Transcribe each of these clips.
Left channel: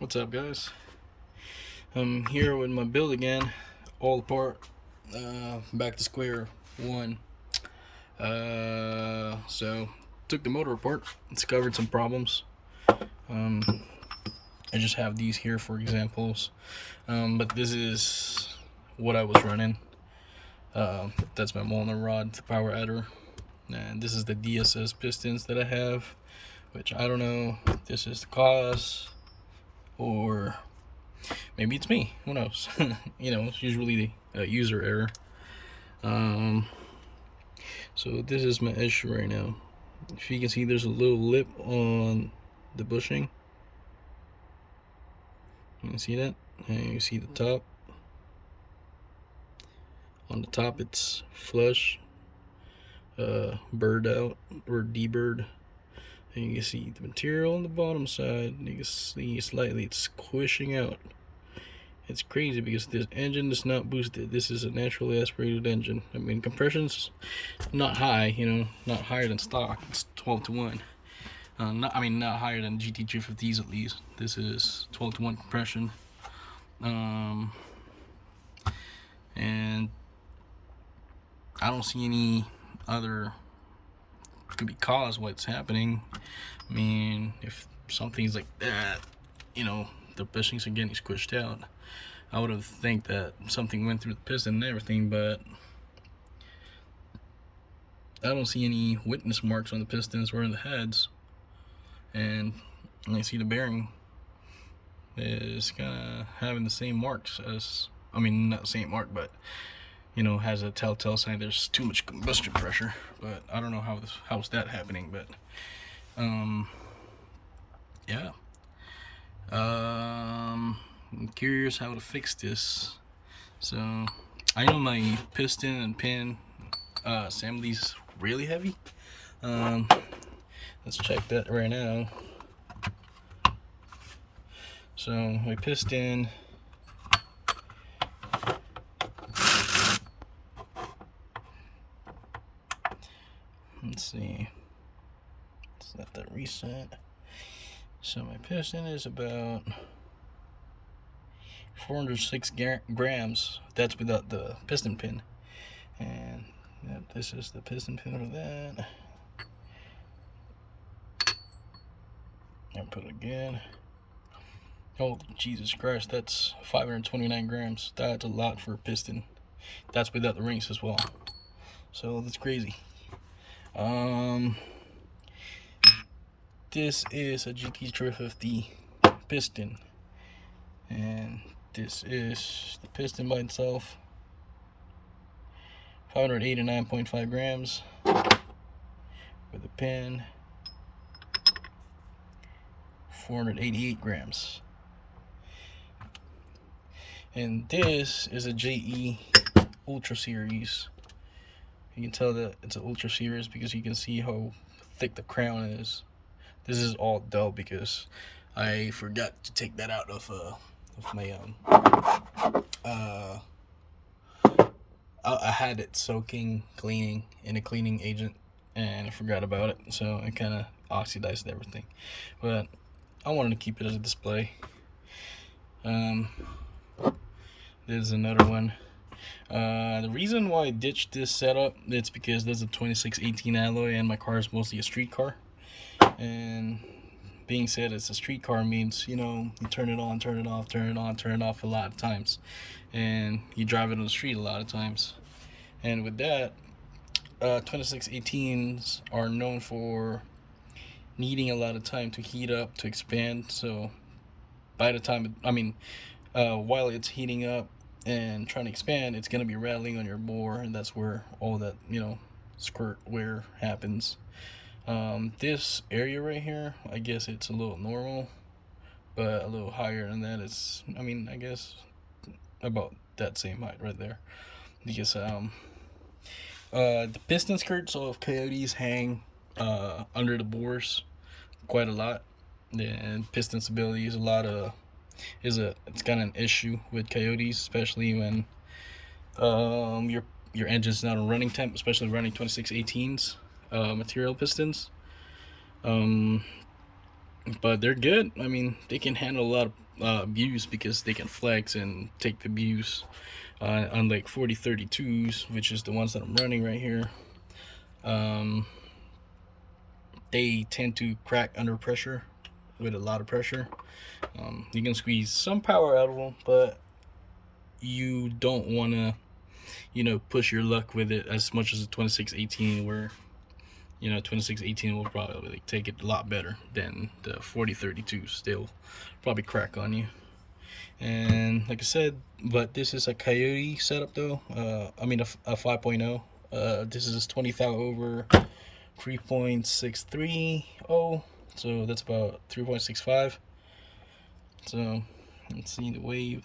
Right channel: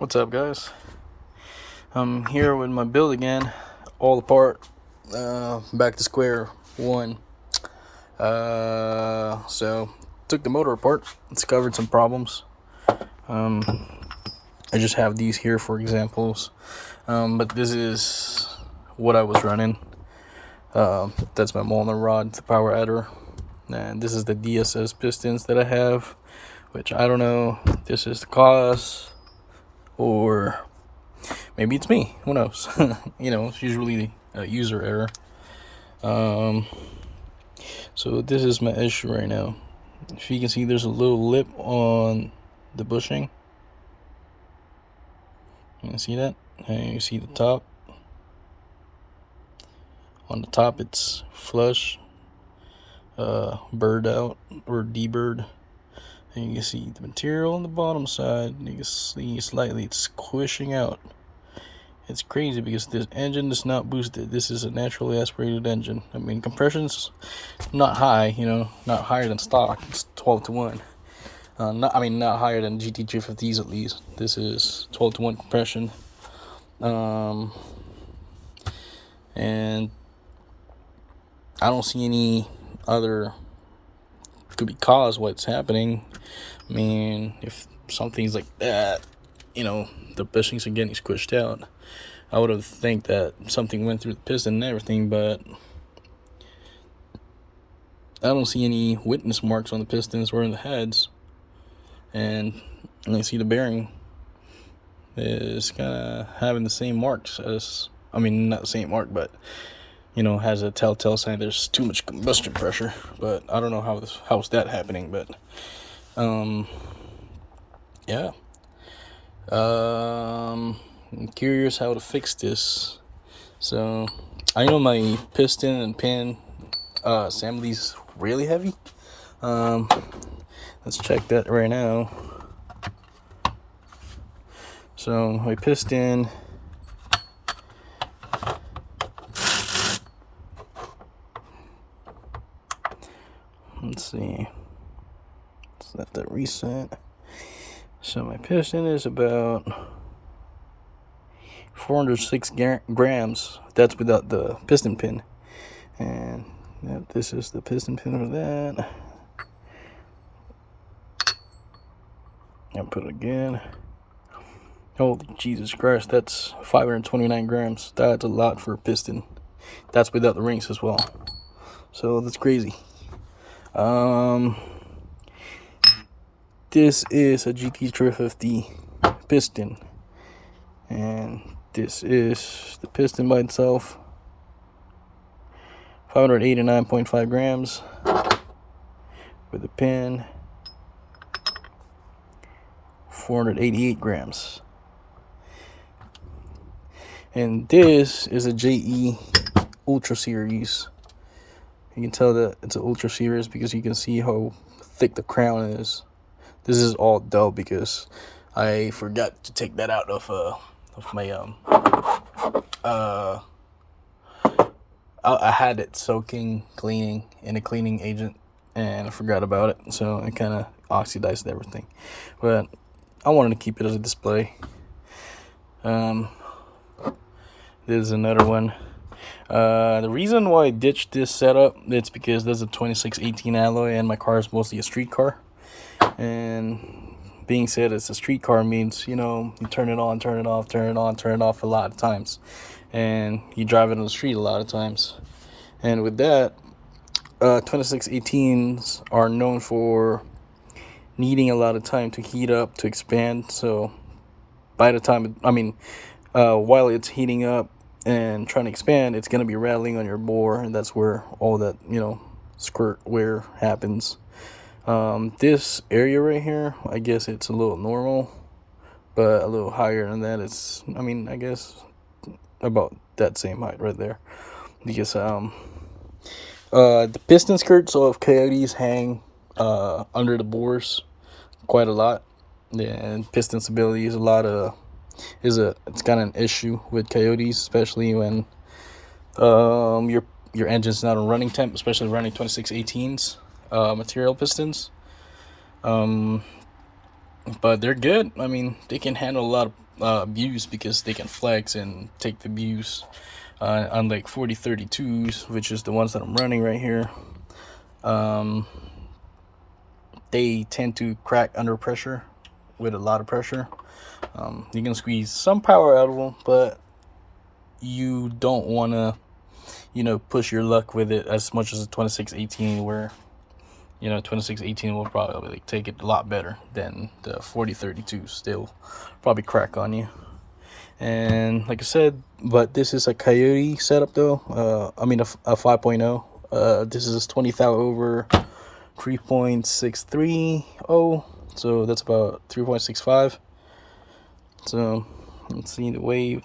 What's up, guys? I'm here with my build again, all apart, back to square one. So took the motor apart, discovered some problems. um, I just have these here for examples, but this is what I was running. That's my Molnar rod, the power adder, and this is the DSS pistons that I have, which I don't know if this is the cause or maybe it's me, who knows. It's usually a user error. So this is my issue right now. If you can see, there's a little lip on the bushing. You can see that, and you see the top. On the top it's flush, bird out or deburred, and you can see the material on the bottom side. You can see slightly it's squishing out. It's crazy because this engine is not boosted. This is a naturally aspirated engine. I mean, compression's not high, not higher than stock. It's 12 to 1. Not higher than GT350s at least. This is 12 to 1 compression. And I don't see any other could be cause what's happening. I mean, if something's like that, the bushings are getting squished out, I would have think that something went through the piston and everything, but I don't see any witness marks on the pistons or in the heads. And you see the bearing is kind of having the same marks as, not the same mark, but has a telltale sign there's too much combustion pressure. But I don't know how's that happening, but yeah. I'm curious how to fix this. So I know my piston and pin assembly's really heavy. Let's check that right now. So my piston, let's see, let's let that reset. So my piston is about 406 grams. That's without the piston pin. And this is the piston pin for that. I'll put it again. Oh, Jesus Christ, that's 529 grams. That's a lot for a piston. That's without the rings as well. So that's crazy. This is a GT350 piston, and this is the piston by itself. 589.5 grams with the pin. 488 grams. And this is a JE Ultra Series. You can tell that it's an Ultra Series because you can see how thick the crown is. This is all dull because I forgot to take that out of my I had it cleaning in a cleaning agent, and I forgot about it, so it kind of oxidized everything. But I wanted to keep it as a display. There's another one. The reason why I ditched this setup, it's because there's a 2618 alloy and my car is mostly a street car. And being said it's a street car means, you turn it on, turn it off, turn it on, turn it off a lot of times. And you drive it on the street a lot of times. And with that, 2618s are known for needing a lot of time to heat up, to expand. So by the time, while it's heating up and trying to expand, it's going to be rattling on your bore, and that's where all that squirt wear happens. This area right here, I guess it's a little normal, but a little higher than that, it's I guess about that same height right there, because the piston skirts of Coyotes hang under the bores quite a lot, and piston stability is it's kind of an issue with Coyotes, especially when your engine's not on running temp, especially running 2618s material pistons. But they're good. They can handle a lot of abuse because they can flex and take the abuse. Unlike 4032s, which is the ones that I'm running right here, they tend to crack under pressure with a lot of pressure. You can squeeze some power out of them, but you don't want to, you know, push your luck with it as much as a 2618, where, you know, 2618 will probably take it a lot better than the 4032s. They'll probably crack on you. And like I said, but this is a Coyote setup though. I mean a 5.0. This is 20 thou over 3.630, so that's about 3.65. So let's see the weight.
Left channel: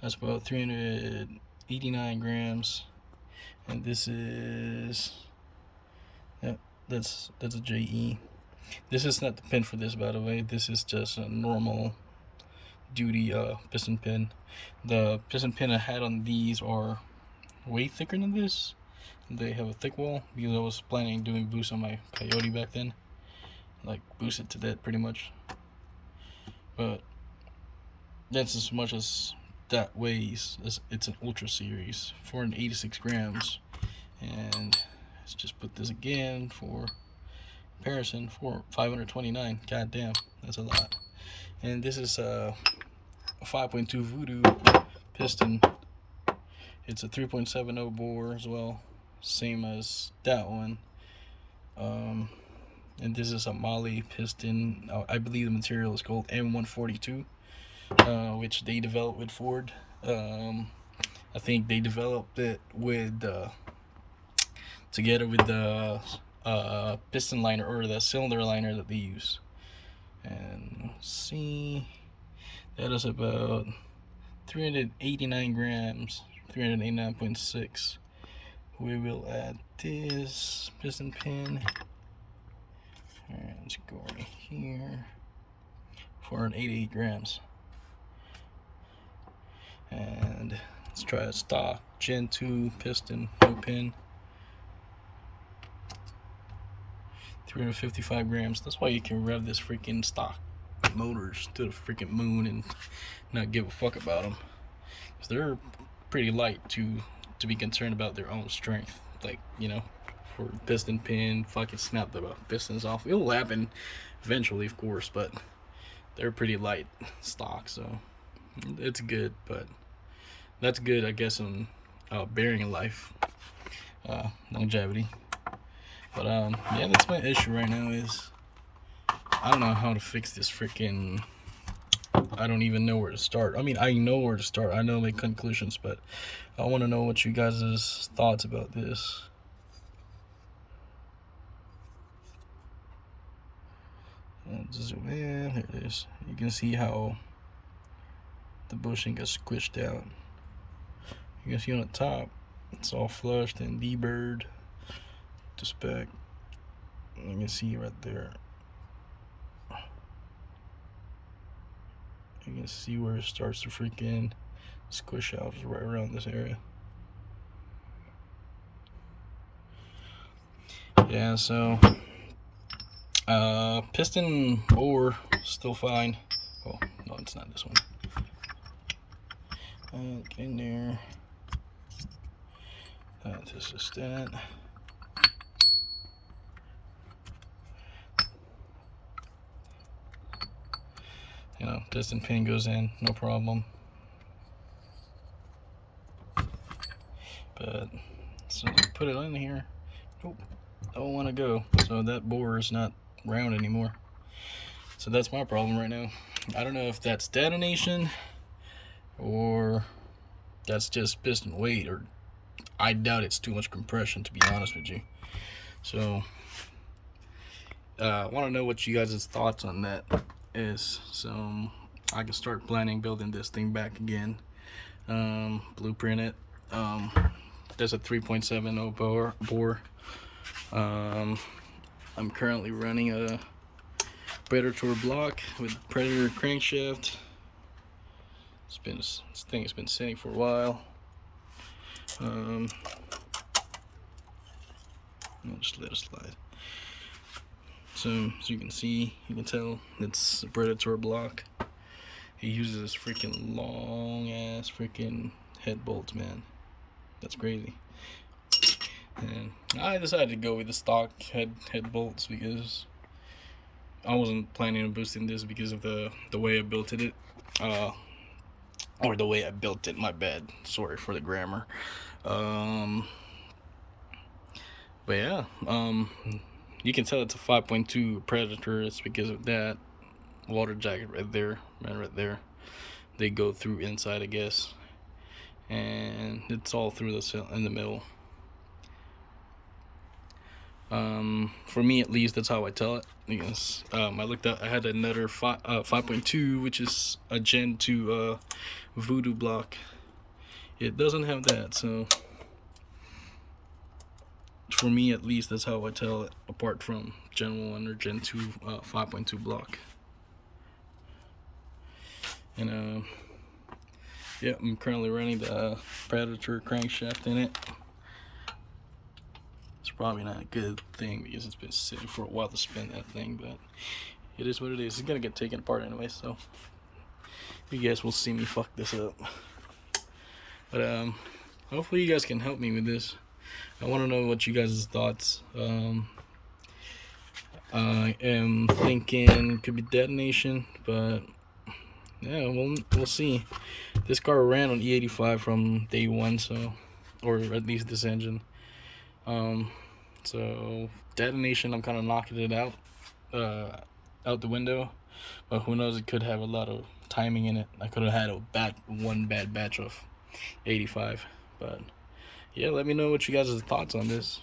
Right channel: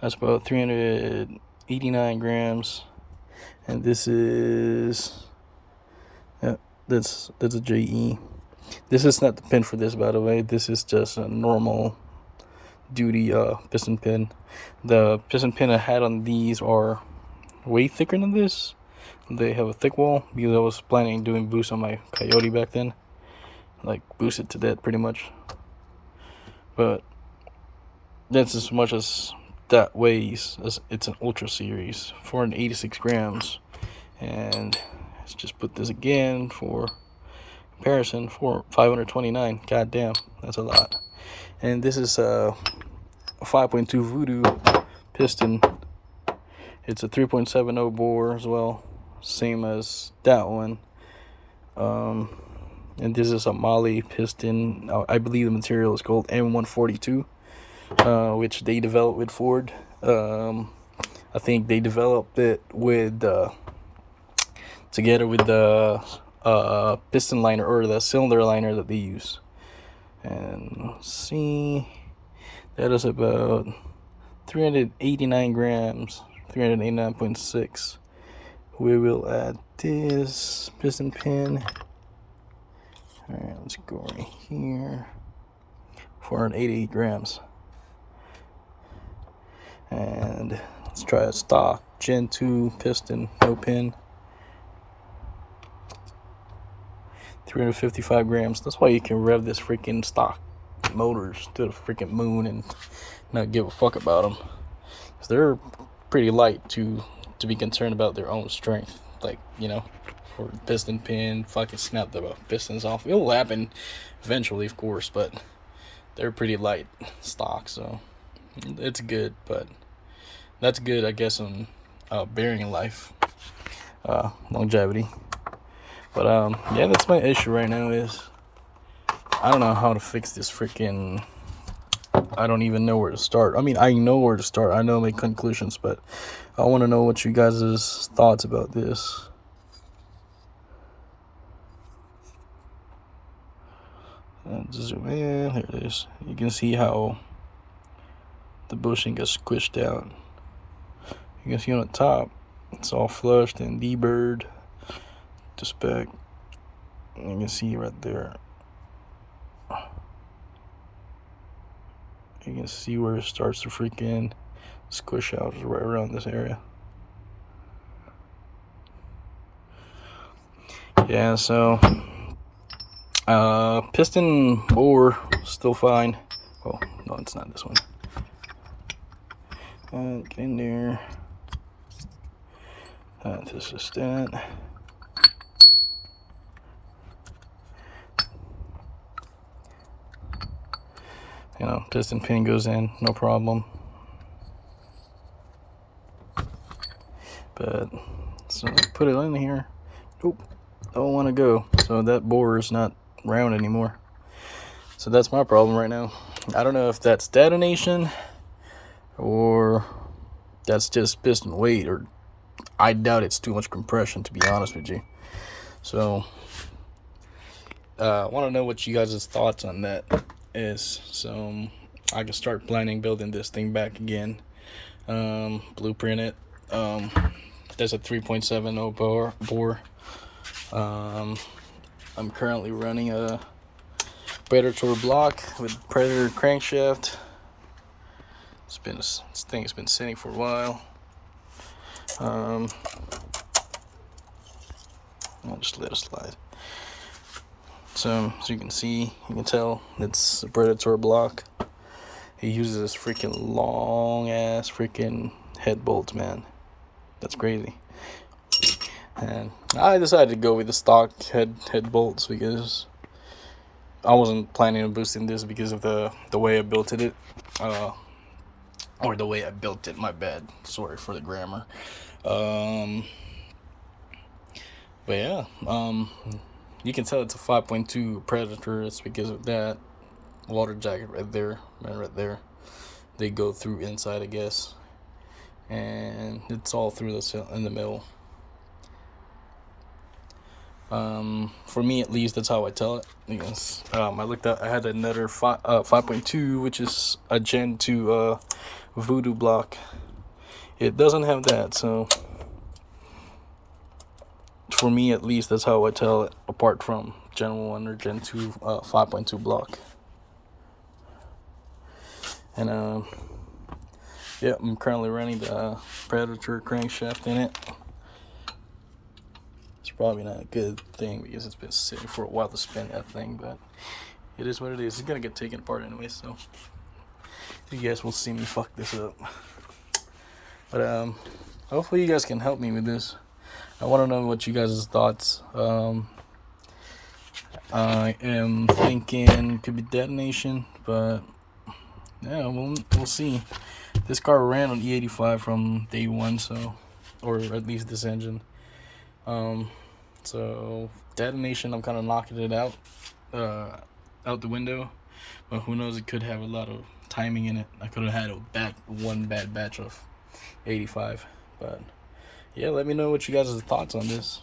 That's about 389 grams, and this is, yeah, that's a JE. This is not the pin for this, by the way. This is just a normal duty piston pin. The piston pin I had on these are way thicker than this. They have a thick wall because I was planning on doing boost on my Coyote back then, like boost it to that pretty much. But that's as much as that weighs. It's an Ultra Series, 486 grams. And let's just put this again for comparison, for 529. God damn, that's a lot. And this is a 5.2 Voodoo piston. It's a 3.70 bore as well, same as that one. And this is a Molly piston. I believe the material is called M142, which they developed with Ford. I think they developed it with together with the piston liner, or the cylinder liner that they use. And let's see, that is about 389 grams, 389.6. We will add this piston pin. Alright, let's go right here. 488 grams. And let's try a stock Gen 2 piston, no pin. 355 grams. That's why you can rev this freaking stock motors to the freaking moon and not give a fuck about them. Because they're pretty light to be concerned about their own strength. Like, you know, for piston pin, fucking snap the pistons off. It'll happen eventually, of course, but they're pretty light stock, so it's good. But that's good, I guess, on bearing life, longevity. But yeah, that's my issue right now. Is I don't know how to fix this freaking. I don't even know where to start. I mean, I know where to start. I know my conclusions, but I want to know what you guys' thoughts about this. Zoom in. There it is. You can see how the bushing gets squished out. You can see on the top, it's all flushed and deburred to spec. You can see right there. You can see where it starts to freaking squish out, right around this area. Yeah, so piston bore still fine. Oh no, it's not this one. Get in there. This is that. You know, piston pin goes in, no problem. But so put it in here. Oop, don't want to go. So that bore is not round anymore. So that's my problem right now. I don't know if that's detonation or that's just piston weight, or I doubt it's too much compression, to be honest with you. So I want to know what you guys' thoughts on that is, so I can start planning building this thing back again. Blueprint it. There's a 3.70 bore. I'm currently running a Predator block with Predator crankshaft. This thing has been sitting for a while. I'll just let it slide. So as you can see, you can tell it's a Predator block. he uses this freaking long ass freaking head bolts, man. That's crazy. And I decided to go with the stock head bolts because I wasn't planning on boosting this because of the way I built it. Or the way I built it, my bad. Sorry for the grammar. But yeah, you can tell it's a 5.2 Predator. It's because of that water jacket right there, man, right there. They go through inside, I guess, and it's all through the in the middle. For me at least, that's how I tell it. Because I looked at, I had another 5.2, which is a Gen 2 Voodoo block. It doesn't have that, so for me at least, that's how I tell it apart from Gen 1 or Gen 2 5.2 block. And yeah, I'm currently running the Predator crankshaft in it. It's probably not a good thing because it's been sitting for a while to spin that thing, but it is what it is. It's gonna get taken apart anyway, so you guys will see me fuck this up. But hopefully you guys can help me with this. I want to know what you guys' thoughts. I am thinking could be detonation, but yeah, we'll see. This car ran on E85 from day one, so, or at least this engine. So detonation, I'm kind of knocking it out the window, but who knows? It could have a lot of timing in it. I could have had one bad batch of 85, but yeah, let me know what you guys' thoughts on this.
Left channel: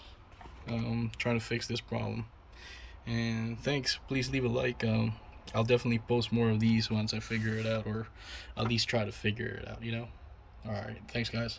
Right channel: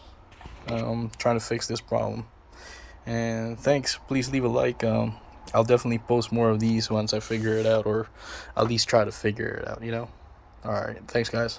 Trying to fix this problem. And thanks. Please leave a like. I'll definitely post more of these once I figure it out, or at least try to figure it out, you know? Alright, thanks guys.